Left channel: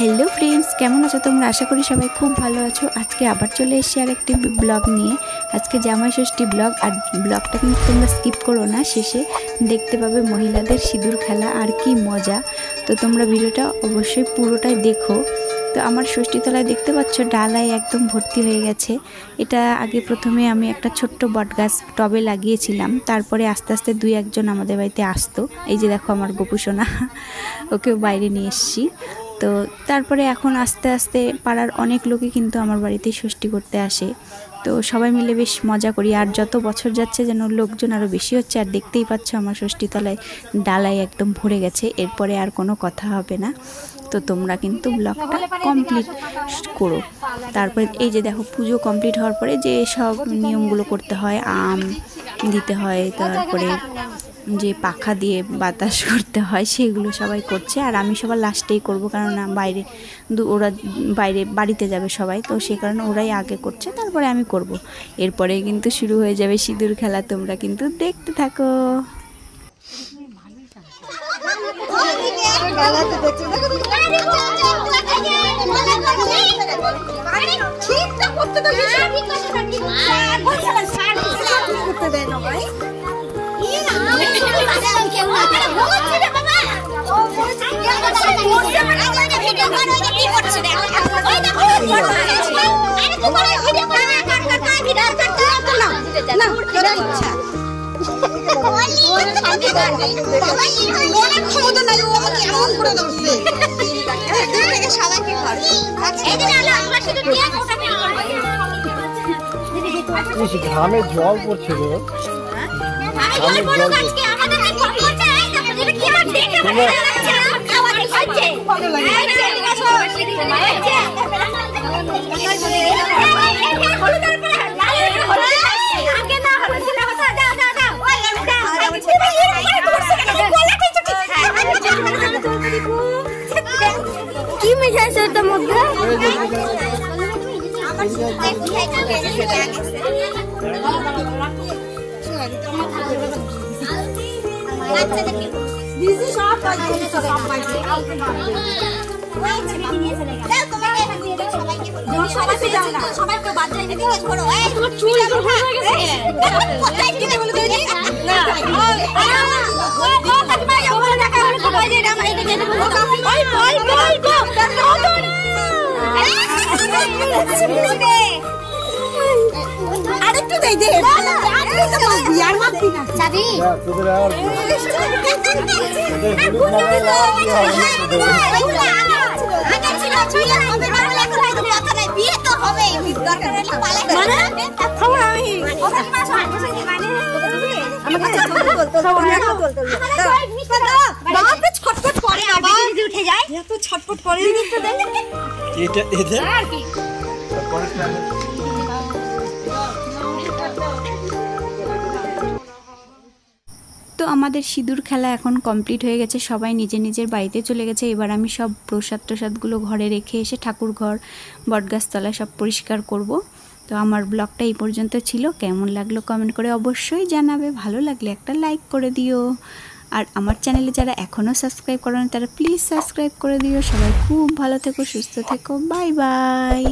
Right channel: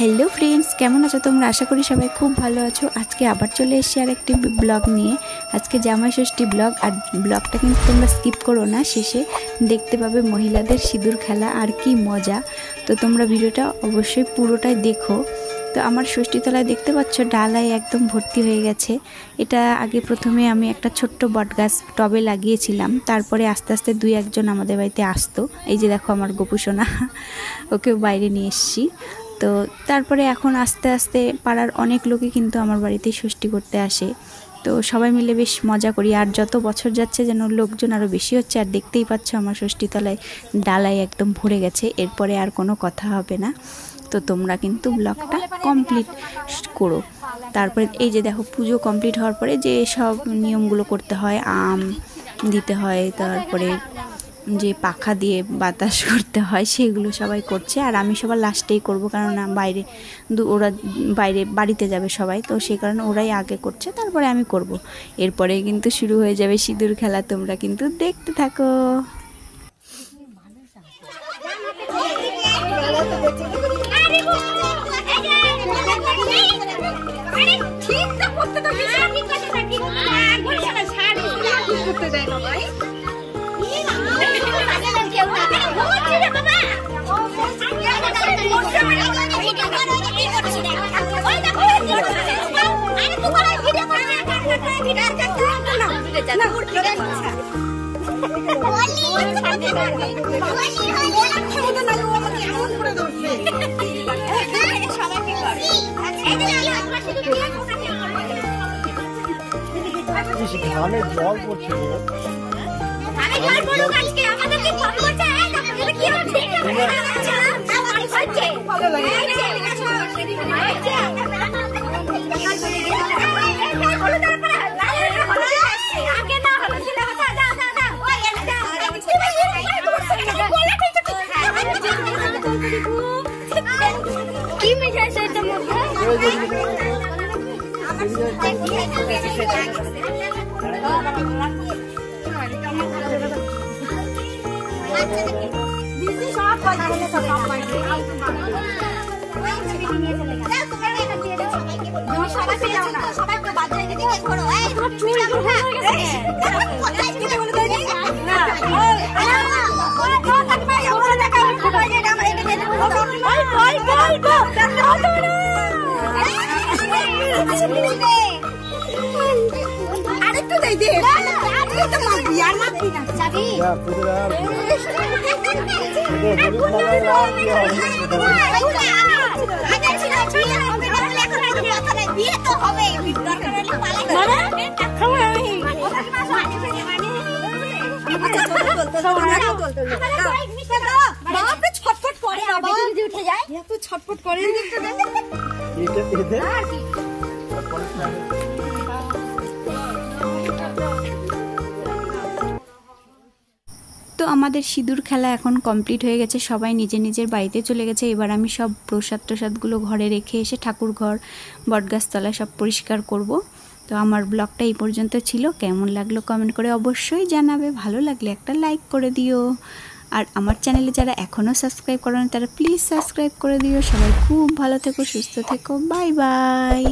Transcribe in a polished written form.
Hello friends केमन आछो तोमरा आशा करी सबाई खूब भालो आछो। आज के आबार चले एसेछि आरेकटी ब्लग निये। आज के जामाई षष्ठी ब्लग और ब्लगटा किन्तु तोमरा स्किप करो ना, शेषे देखते पाबे महिलादेर सिঁদুর खेला और कि मजा। तो तोमरा भिडियोटा अवश्यई पुरोटाई देखो। तो आमार षष्ठीतलाय देखते पाচ্ছ डालाय एकदम भर्ती हয়ে গেছে। এটা আগে প্রথমে আমি একটা ছোট্ট বটগাছ টবে লাগিয়েছিলাম, তারপরে আস্তে আস্তে দুই একজন আমাদের বাড়িতে আসতো। এই যে দেখো আমার গোপুসোনা, ওকে বাইরে নিয়ে এসেছি। তো তারপরে এখন আস্তে আস্তে পাড়ার অনেক লোকই কিন্তু আমার বাড়িতে ষষ্ঠী করতে আসে। তো সবাই মিলে বেশ মজা করি, আর যত বছর যাচ্ছে যেন লোকজন আরও বেশি হচ্ছে। আর দেখতেই পাচ্ছ আমার ষষ্ঠীতলায় ডালায় একদম ভরে গেছে, এরপরে আর কোনো কথা হবে না। তো তোমরা কিন্তু ব্লগটা কমপ্লিট করো। তারপরে এই যে দেখো পুজো কমপ্লিট হওয়ার পরে যে সব নিয়মগুলো করতে হয়, আম দিতে হয়, তারপরে যে পাখা দিয়ে বাতাস করতে হয় সেগুলো সবাই করছে। আর আমি সবার লাস্টেই করব, কারণ বাইরে ওরা বাইরে বাড়িতে যাবে সবাই, তো সেই কারণে ওরাই আগে করছে, তারপরে আমি করব। এরপরে কিন্তু শুরু হয়ে যাবে সিঁদুর খেলা। তোমরা কিন্তু দেখতে থাকো। গ্রামে জল পড়ছে রে, তো আমাদের সিঁদুর খেলা এখন কমপ্লিট হয়ে গেছে, সবাই নিজের নিজের বাড়িতে চলে গেছে। এবার আমি সব প্রসাদগুলো ঘরে রেখে এসে ঠাকুর ঘর, বটগাছতলা সব পরিষ্কার করব। তো আমার ব্লগটা এই পর্যন্ত ছিল। কেমন লাগলো কমেন্ট করে অবশ্যই জানাবে, ভালো লাগলে একটা লাইক করে দিও। আর আমার চ্যানেলে যারা এখনও সাবস্ক্রাইব করেন তারা প্লিজ সাবস্ক্রাইব করে দিও। সবাই খুব ভালো থেকো, সুস্থ থেকো, বাই বাই।